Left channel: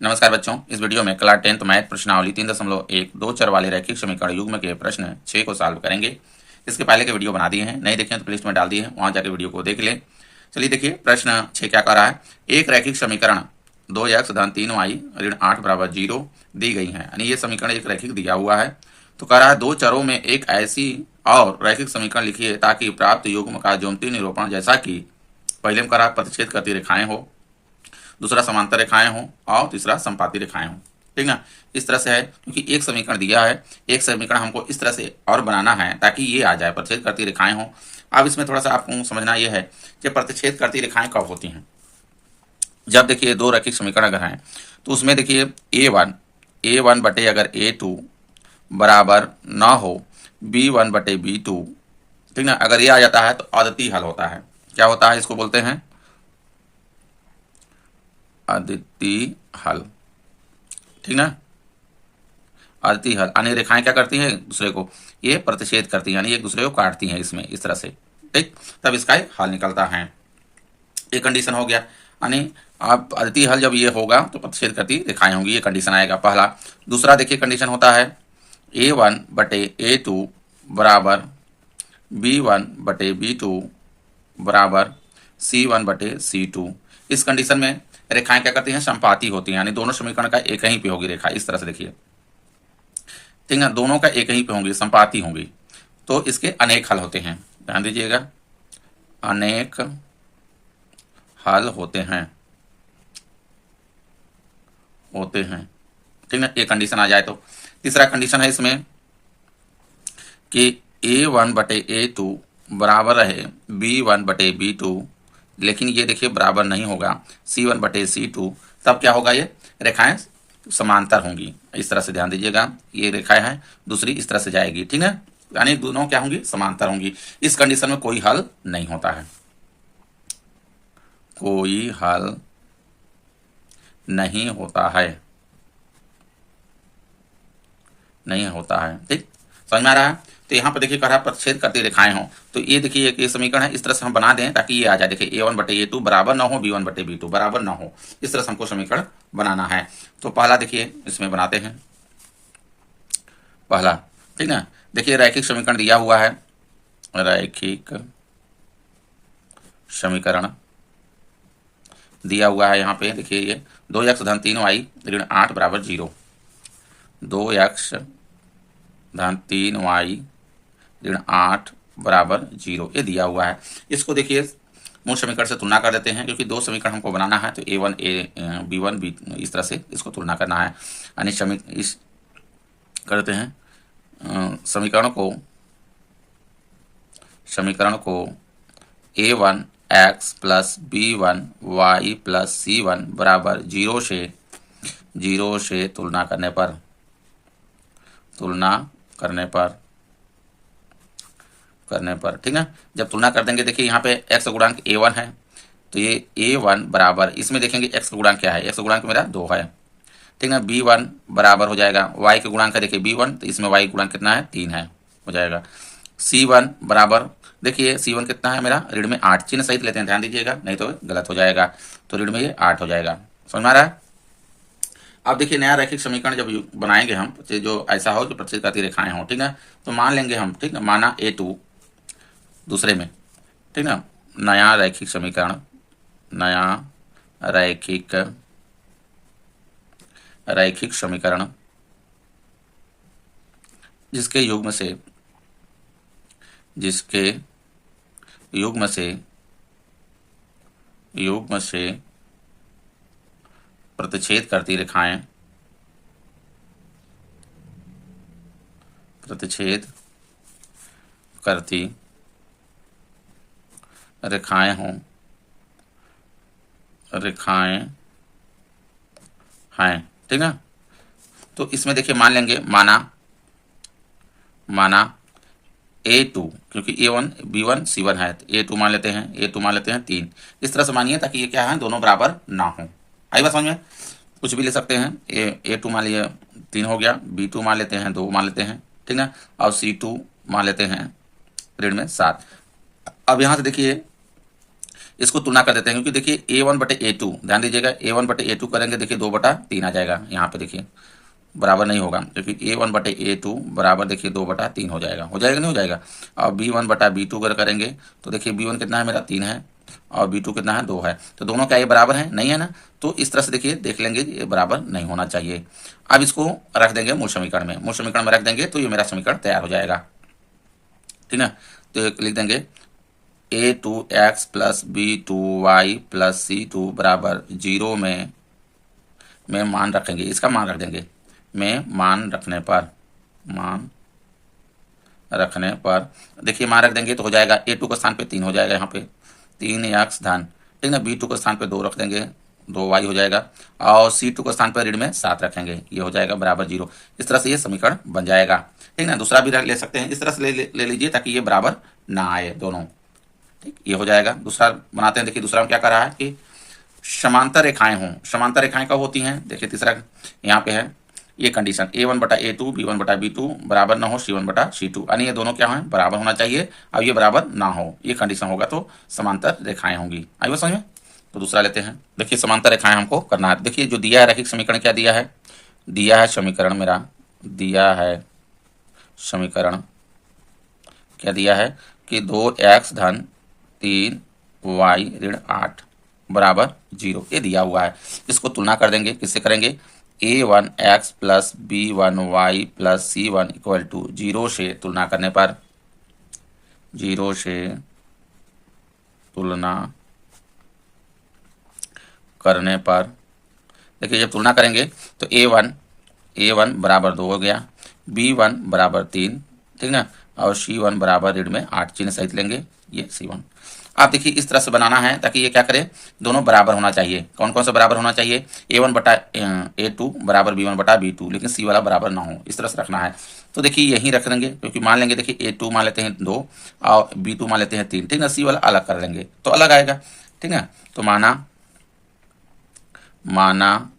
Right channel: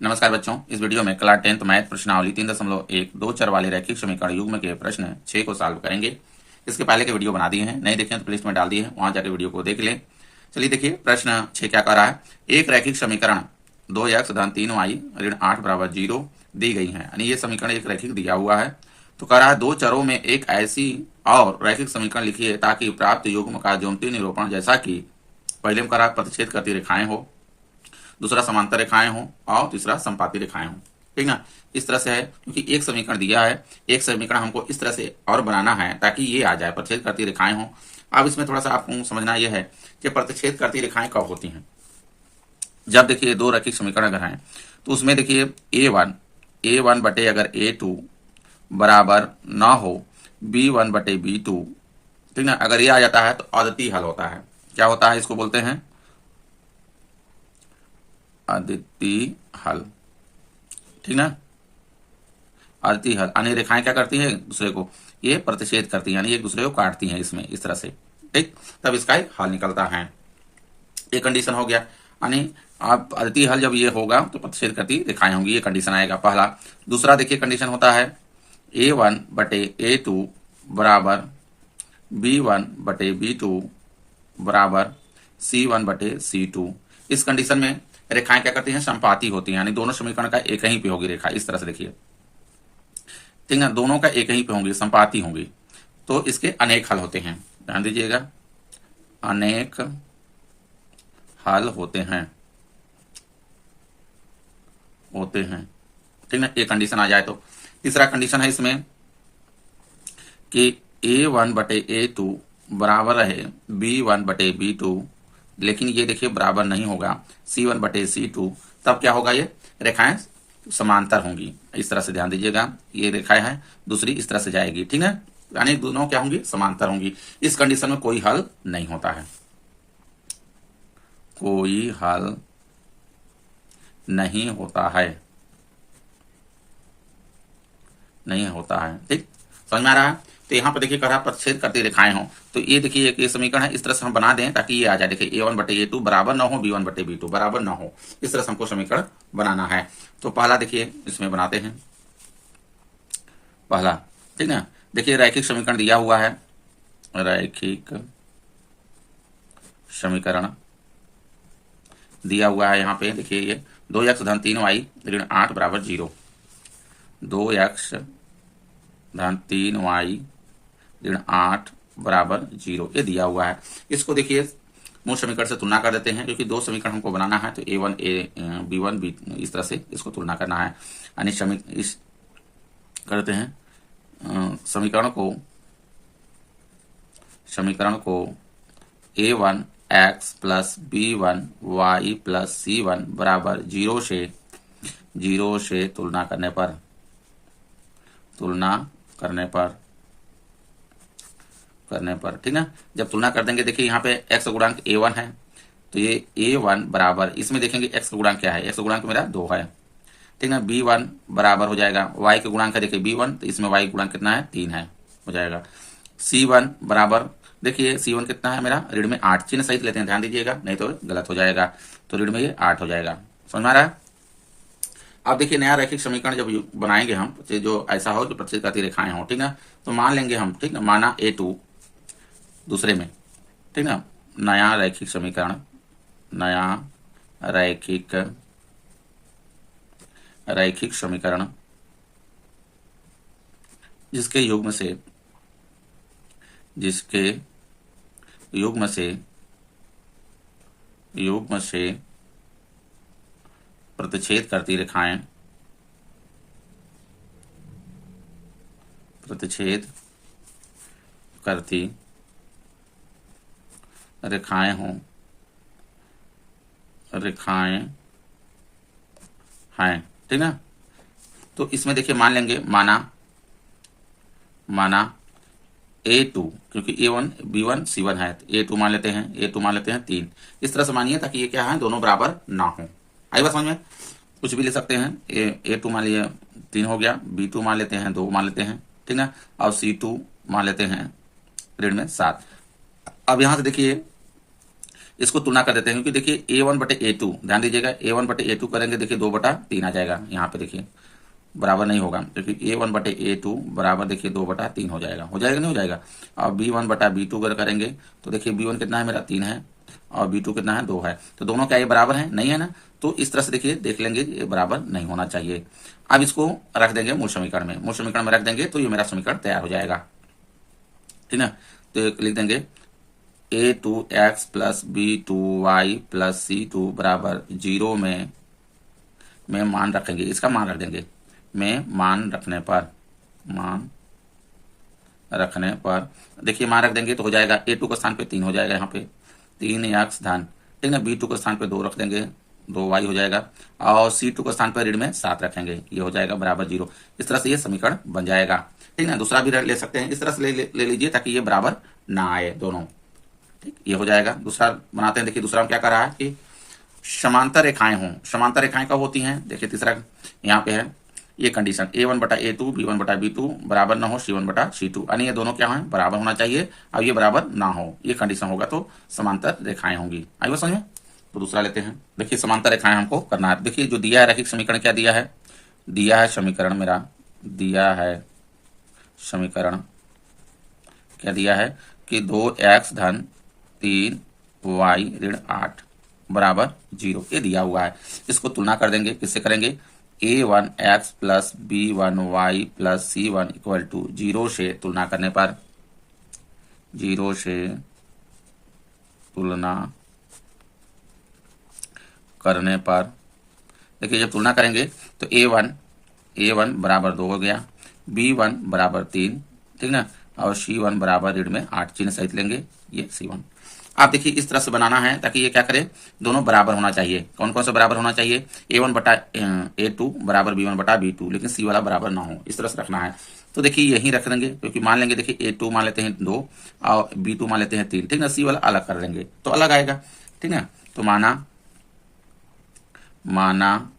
नमस्कार बच्चों, इस वीडियो में क्लास 10th मैथ प्रश्नावली 3.1 दो चर वाले रैखिक समीकरण युग्म के प्रश्न 6 को सॉल्व करेंगे। इसके पहले के वीडियो बना दिए हैं, नहीं देखें तो प्लेलिस्ट में डाल दिए हैं, वहां जाकर वीडियो को देख लें। चलिए देखिए प्रश्न 6 क्या कह रहा है। एक रैखिक समीकरण 2x धन 3y ऋण 8 बराबर 0 दी गई है, यानी ये समीकरण एक रैखिक दिया हुआ है। तो कह रहा है दो चरों में एक ऐसी और रैखिक समीकरण लिखिए ताकि प्राप्त युग्म का ज्यामितीय निरूपण जैसा कि पहले में कह रहा है प्रतिच्छेद करती रेखाएं हो, दूसरा समांतर रेखाएं हों और तीसरा संपाती रेखाएं हों। ठीक ना, इस तरह से है क्योंकि एक समीकरण दिया है, एक समीकरण हमको इस तरह से और बनाना है ताकि ये आ जाए, प्रतिच्छेद करती रेखाएं हों। अब इसमें थोड़ा सा आपको समझना यह है कि प्रतिच्छेद करती रेखाएं कब होती हैं। जब देखिए दो रैखिक समीकरण अगर हैं तो उसमें देखिए a1 बटे अगर a2 बराबर ना हो b1 बटे b2, ठीक ना, अगर ये आ जाता है तो अद्वितीय हल होता है। क्या होता है, इसको बोलते हैं अद्वितीय हल। ठीक ना, अद्वितीय हल अन्य रेखाएं क्या करती हैं, एक दूसरे को ये प्रतिच्छेद करती हैं, यानी एक दूसरे को काटती हैं इसमें इस तरह से। ठीक, तब इसका एक हल निकलता है। एक कंडीशन हो गया, यानी आप अद्वितीय हल जब ये होगा तो प्रतिच्छेद करती रेखाएं होंगी, ये कंडीशन आएगा पहला। दूसरा देखिए कंडीशन होता है a1 बटे a2 बराबर b1 बटे b2 बराबर c1 बटे c2। इस कंडीशन में रेखाएं क्या करती हैं, संपाती होती हैं, यानी दोनों समीकरण का एक ही पे होगी रेखा, इस तरह से देखिए। ठीक है, दोनों का एक ही पे होंगी, संपाती होंगी, तो इसके अनेक हल होते हैं। ध्यान दीजिएगा, अनेक हल होते हैं। ठीक है, एक कंडीशन आ जाए तो तीसरा कंडीशन है इसमें कि a1 बटे a2 बराबर रहे b1 बटे b2, लेकिन ये देखिए बराबर नहीं होगा c1 बटे c2, तब क्या होगा, ये रेखाएं समांतर होंगी। इस तरह से ध्यान दीजिएगा, ये रेखाएं हैं, दूसरी इस तरह से जाएगी। ठीक है, यानी दोनों क्या होंगी, समांतर होंगी। इस कंडीशन में कोई हल नहीं होता है, कोई हल नहीं होता है, नहीं होता है। ठीक, समझ में आ रहा है। तो यहाँ पर देखिए कह रहा प्रतिच्छेद करती रेखाएं हों, तो ये देखिए एक ये समीकरण है, इस तरह से हम बना दें ताकि ये आ जाए। देखिए a1 बटे a2 बराबर ना हो b1 बटे b2 बराबर ना हो, इस तरह से हमको समीकरण बनाना है। तो पहला देखिए इसमें बनाते हैं पहला। ठीक ना, देखिए रैखिक समीकरण दिया हुआ है, रैखिक समीकरण दिया हुआ है। यहाँ पे देखिए ये 2x धन 3y ऋण 8 बराबर 0, 2x धन 3y ऋण 8 बराबर 0, ये दिया हुआ है। इसको देखिए मूल समीकरण से तुलना कर देते हैं, क्योंकि दो समीकरण हमको बनाना है, तो a1 b1 b, इस तरह से इसको तुलना करना है। यानी इस करते हैं समीकरण को a1 x plus b1 y plus c1 बराबर 0 से तुलना करने पर ठीक है, जब तुलना कर देंगे, देखिए यहाँ पे x गुणांक a1 है, तो ये a1 बराबर, इसमें देखेंगे x गुणांक क्या है, x गुणांक मेरा 2 है। ठीक है, b1 बराबर हो जाएगा y के गुणांक है, देखिए b1, तो इसमें y गुणांक कितना है, 3 है, हो जाएगा। c1 बराबर, देखिए c1 कितना है मेरा, ऋण में 8, चिन्ह सहित लेते हैं, ध्यान दीजिएगा, नहीं तो गलत हो जाएगा, तो ऋण में ये 8 हो जाएगा। समझ में आ रहा है। अब देखिए नया रैखिक समीकरण जब बनाएंगे हम, जो ऐसा हो जो प्रतिच्छेद करती रेखाएं हो, ठीक है, तो मान लेंगे हम, ठीक है, माना a2 दूसरे में, ठीक ना, नया रैखिक समीकरण जिसके युग्म से प्रतिच्छेद करती रेखाएं हैं। ठीक है, तो इसमें देखिए मान लेंगे, माना a2, क्योंकि a1 b1 c1 है, तो a2 मान लेते हैं 3, इस तरह से मानिए ताकि ये क्या है, दोनों बराबर ना हो। आई बात समझ में, कुछ भी ले सकते हैं। a2 मान लिया 3 हो गया, b2 मान लेते हैं 2 मान लेते हैं, ठीक ना, और c2 मान लेते हैं ऋण में 7। अब यहाँ से देखिए इसको तुलना कर देते हैं, क्योंकि देखिए A1 बटे A2, ध्यान दीजिएगा A1 बटे A2 करेंगे, देखिए 2/3 आ जाएगा, यहाँ पे देखिए बराबर नहीं होगा, क्योंकि A1 बटे A2 बराबर देखिए 2/3 हो जाएगा, नहीं हो जाएगा। और B1 बटा B2 अगर करेंगे तो देखिए B1 कितना है मेरा 3 है और B2 कितना है 2 है, तो दोनों क्या ये बराबर है? नहीं है ना। तो इस तरह से देखिए देख लेंगे, ये बराबर नहीं होना चाहिए। अब इसको रख देंगे मूल समीकरण में, मूल समीकरण में रख देंगे तो ये मेरा समीकरण तैयार हो जाएगा, ठीक है। तो लिख देंगे A2x plus B2y plus C2 बराबर 0 में मान रखेंगे, इसका मान रख देंगे, में मान रखने पर देखिए मान रख देंगे तो हो जाएगा A2 के स्थान पे 3 हो जाएगा, यहाँ पे 3x धन, ठीक है। B2 के स्थान पे 2 रख देंगे, 2y हो जाएगा, और C2 के स्थान पर ऋण में 7 रखेंगे, ये हो जाएगा बराबर 0। इस तरह से ये समीकरण बन जाएगा, ठीक है ना। दूसरा भी ले सकते हैं, इस तरह से ले लीजिए ताकि ये बराबर ना आए दोनों, ठीक, ये हो जाएगा। दूसरा बनाते हैं, देखिए दूसरा में क्या कर रहा है कि समांतर रेखाएं हों। समांतर रेखाएं कब होती हैं? देखिए तीसरा यहाँ पे है ये कंडीशन, A1 बटा A2 B1 बटा B2 बराबर ना हो C1 बटा C2, यानी ये दोनों क्या हैं? बराबर होना चाहिए। अब ये बराबर ना हो, ये कंडीशन होगा तो समांतर रेखाएं होंगी। आई बात समझ में? तो दूसरा लेते हैं, देखिए समांतर रेखाएं हमको करना है। देखिए जो दिया है रैखिक समीकरण, क्या दिया है? दिया है समीकरण मेरा, दिया है समीकरण क्या दिया है कि 2x धन 3y ऋण 8 बराबर 0, ये दिया हुआ है। इसको तुलना कर देंगे, किससे करेंगे? A1x plus B1y plus C1 equal to 0 से तुलना करने पर, 0 से तुलना करने पर देखिए जब तुलना करेंगे तो A1 बराबर 2 हो गया, B1 बराबर 3, ठीक ना, और C1 बराबर ऋण में 8, चिन्ह सहित लेंगे ये C1। आप देखिए इस तरह से बनाना है ताकि ये क्या करे? दोनों बराबर होना चाहिए। कौन कौन सा बराबर होना चाहिए? A1 बटा A2 बराबर B1 बटा B2, लेकिन C वाला बराबर ना हो, इस तरह से रखना है। तो देखिए यही रख देंगे, क्योंकि मान लेंगे देखिए A2 मान लेते हैं 2 और B2 मान लेते हैं 3, ठीक ना। C वाला अलग कर देंगे तो अलग आएगा, ठीक है। तो माना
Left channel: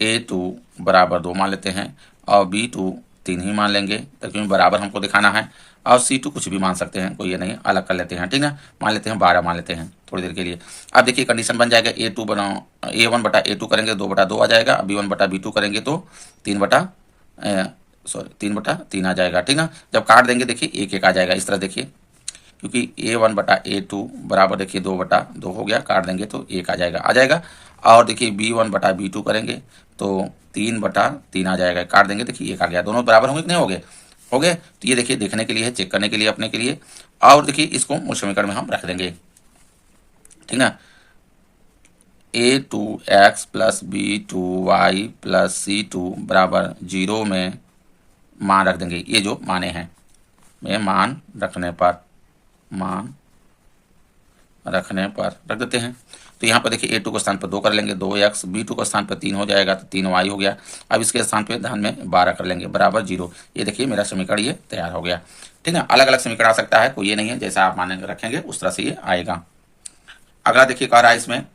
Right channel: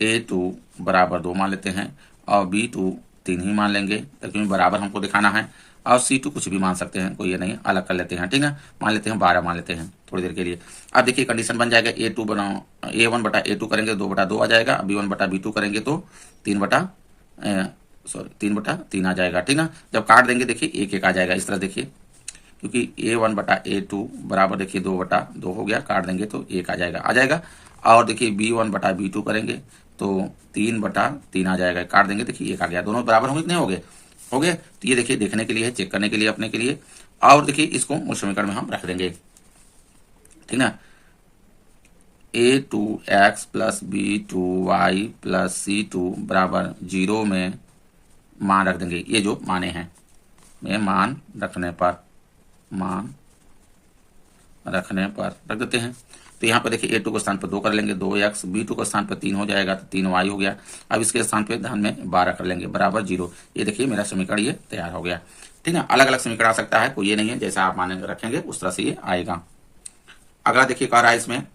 A2 बराबर 2 मान लेते हैं और B2 3 ही मान लेंगे, क्योंकि बराबर हमको दिखाना है। और C2 कुछ भी मान सकते हैं, कोई ये नहीं, अलग कर लेते हैं, ठीक है। मान लेते हैं 12 मान लेते हैं थोड़ी देर के लिए। अब देखिए कंडीशन बन जाएगा, A2 बनाओ, A1 बटा A2 करेंगे 2/2 आ जाएगा, B1 बटा B2 करेंगे तो 3/3 आ जाएगा, ठीक है। जब काट देंगे देखिए 1 आ जाएगा, इस तरह देखिए, क्योंकि A1 बटा A2 बराबर देखिए 2/2 हो गया, काट देंगे तो 1 आ जाएगा। और देखिए B1 बटा B2 करेंगे तो 3/3 आ जाएगा, काट देंगे देखिए 1 आ गया। दोनों बराबर होंगे कि नहीं हो गए? तो ये देखिए देखने के लिए है, चेक करने के लिए अपने के लिए। और देखिए इसको मूल समीकरण में हम रख देंगे, ठीक है। A2x plus B2y plus C2 बराबर 0 में मान रख देंगे, ये जो माने हैं, में मान रखने पर रख देते हैं। तो यहाँ पर देखिए A2 के स्थान पर 2 कर लेंगे, 2x, B2 के स्थान पर 3 हो जाएगा तो 3y हो गया। अब इसके स्थान पे धन में 12 कर लेंगे बराबर 0। ये देखिए मेरा समीकरण ये तैयार हो गया, ठीक है। अलग अलग समीकरण आ सकता है, कोई ये नहीं है, जैसा आप मानेंगे रखेंगे उस तरह से ये आएगा। अगला देखिए कह रहा है इसमें,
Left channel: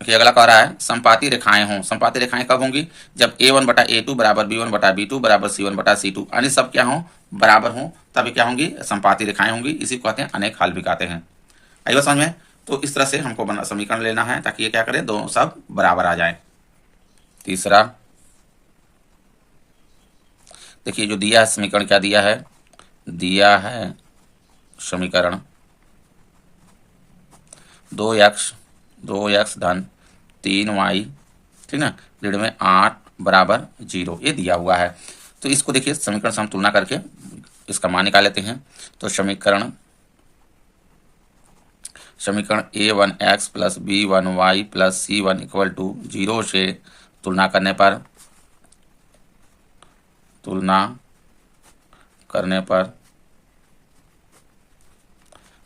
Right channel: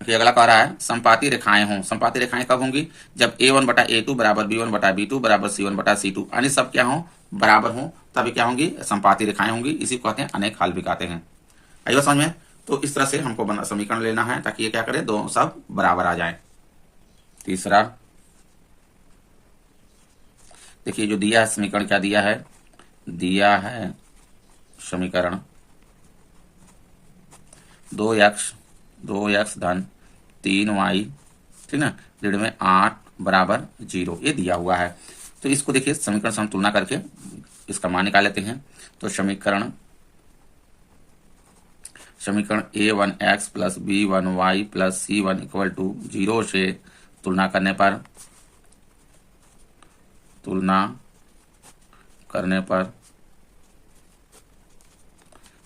अगला कह रहा है संपाती रेखाएं हों। संपाती रेखाएं कब होंगी? जब A1 बटा A2 बराबर B1 बटा B2 बराबर C1 बटा C2, यानी सब क्या हों? बराबर हों, तभी क्या होंगी? संपाती रेखाएं होंगी। इसी को कहते हैं अनेक हल भी कहते हैं। आई बात समझ में? तो इस तरह से हमको समीकरण लेना है ताकि ये क्या करे? दोनों सब बराबर आ जाए। तीसरा देखिए जो दिया है समीकरण, क्या दिया है? दिया है समीकरण 2x धन 3y, ठीक ना, ऋण में 8 बराबर 0, ये दिया हुआ है। तो इसको देखिए समीकरण से हम तुलना करके इसका मान निकाल लेते हैं। तो समीकरण A1x plus B1y plus C1 equal to 0 से तुलना करने पर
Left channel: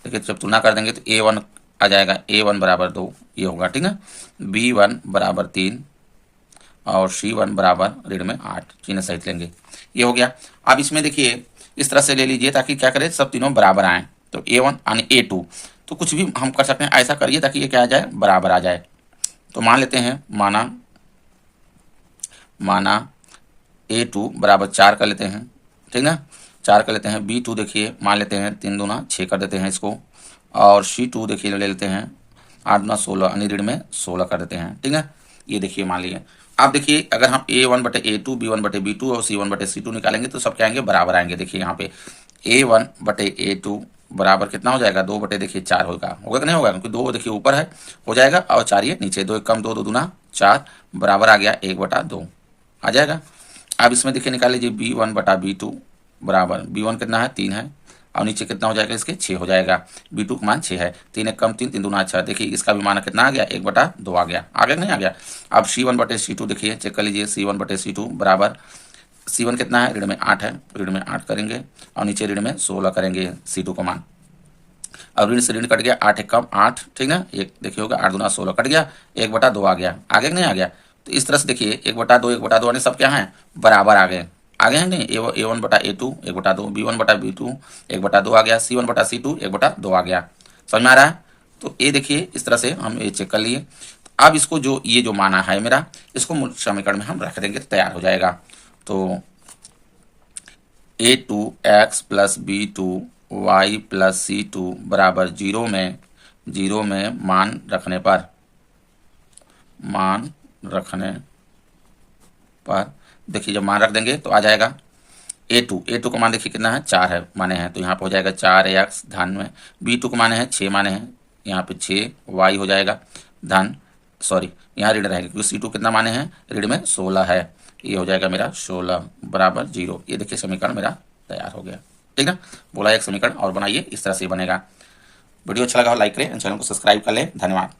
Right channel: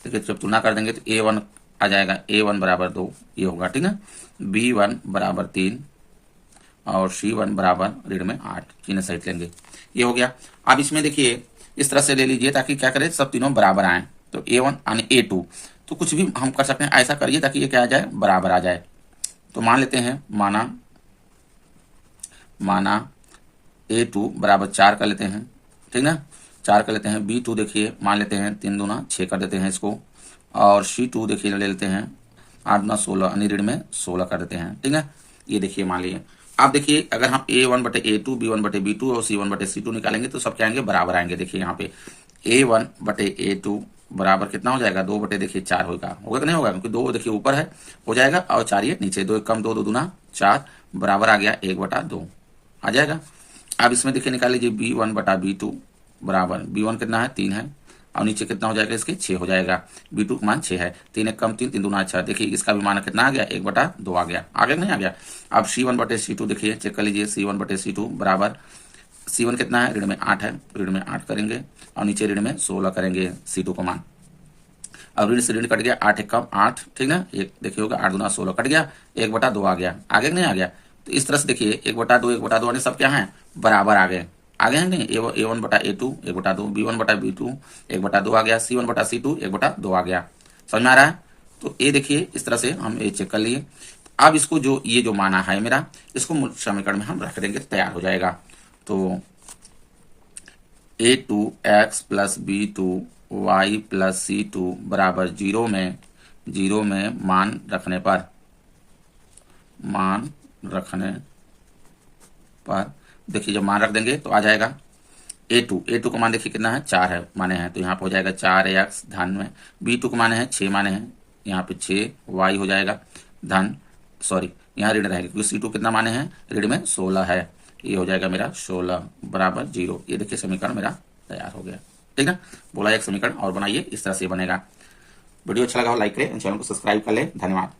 देखिए जब तुलना कर देंगे तो A1 आ जाएगा, A1 बराबर 2 ये होगा, ठीक है। B1 बराबर 3 और C1 बराबर ऋण में 8, चिन्ह सहित लेंगे, ये हो गया। अब इसमें देखिए इस तरह से ले लीजिए ताकि क्या करें? सब तीनों बराबर आए। तो A1 यानी A2, तो कुछ भी हम कर सकते हैं, ऐसा करिए ताकि ये क्या आ जाए? बराबर आ जाए। तो मान लेते हैं, माना A2 बराबर 4 कर लेते हैं, ठीक ना, 4 कर लेते हैं। B2 देखिए मान लेते हैं 3 दूना 6 कर देते हैं इसको, और C2 देखिए ले लेते हैं 8 दूना 16 यानी ऋण में 16 कर देते हैं। ठीक है, ये देखिए मान लीजिए। आप देखिए अगर हम A1 बटे A2, B1 बटे B2 और C1 बटे C2 निकालेंगे तो सब क्या आएंगे, बराबर आएंगे। देखिए यहाँ पे A1 बटे A2 बराबर कितना हो जाएगा, 2 बटे देखिए 4 होगा कि नहीं होगा, क्योंकि 2 देखिए ऊपर है, हो जाएगा, और 4 ये नीचे, 2 एक कम 2, 2 दूना 4 बराबर आ गया 1 बटा 2 आ जाएगा। अब इसमें देखिए निकाल लीजिए B1 बटा B2 बराबर, B1 कितना है 3 है, और नीचे कितना हो जाएगा इसके 6 हो जाएगा। B2 का मान 6 है, 3 एक कम 3, 3 दूना 6। देखिए इसका भी मान कितना आ गया, 1 बटा 2 आ गया। आगे नहीं आ गया। अब C1 बटे C2 देखिए चेक कर लीजिए, C1 बटे C2 बराबर, C1 कितना है, ऋण में 8 है, ऋण में 8 करेंगे और नीचे ऋण में 16 करेंगे C2 को मान। अब ऋण से ऋण कट गया, 8 एक कम 8, ठीक है, एक देखिए होगा 8 दूना 16 कट गया, 1 बटा 2 आ गया। आगे नहीं आ गया। तो इस तरह से देखिए 1 बटा 2 1 बटा 2 सब क्या है, बराबर आ गए। आगे हैं नहीं, A1 बटा A2 1 बटा 2, B1 बटा B2 1 बटा 2 आ गया, C1 बटा C2 1 बटा 2 आ गया। समझ में आ रहा है। तो ये देखिए इस तरह से हम ये चेक कर लिए। अब इसको जो ये जो माना है मेरा, इसको समीकरण में हम रख देंगे, तैयार हो जाएगा। तो A2x plus B2y plus C2 बराबर 0 में मान रखने पर देखिए जब मान रख देंगे तो आ जाएगा A2 का मान देखिए कितना है, 4 है माने हैं, तो यहाँ पे हो जाएगा 4x धन में, B2 का माने है 6 माने हैं, यहाँ पे 6y हो जाएगा धन, सॉरी यहाँ ऋण रहेगा क्योंकि C2 कितना माने हैं, ऋण में 16 है, ये हो जाएगा मेरा 16 बराबर 0। ये देखिए समीकरण मेरा तैयार हो गया। ठीक है, बोला एक समीकरण और बनाइए, इस तरह से बनेगा। वीडियो अच्छा लगा हो लाइक करें, चैनल को सब्सक्राइब कर लें। धन्यवाद।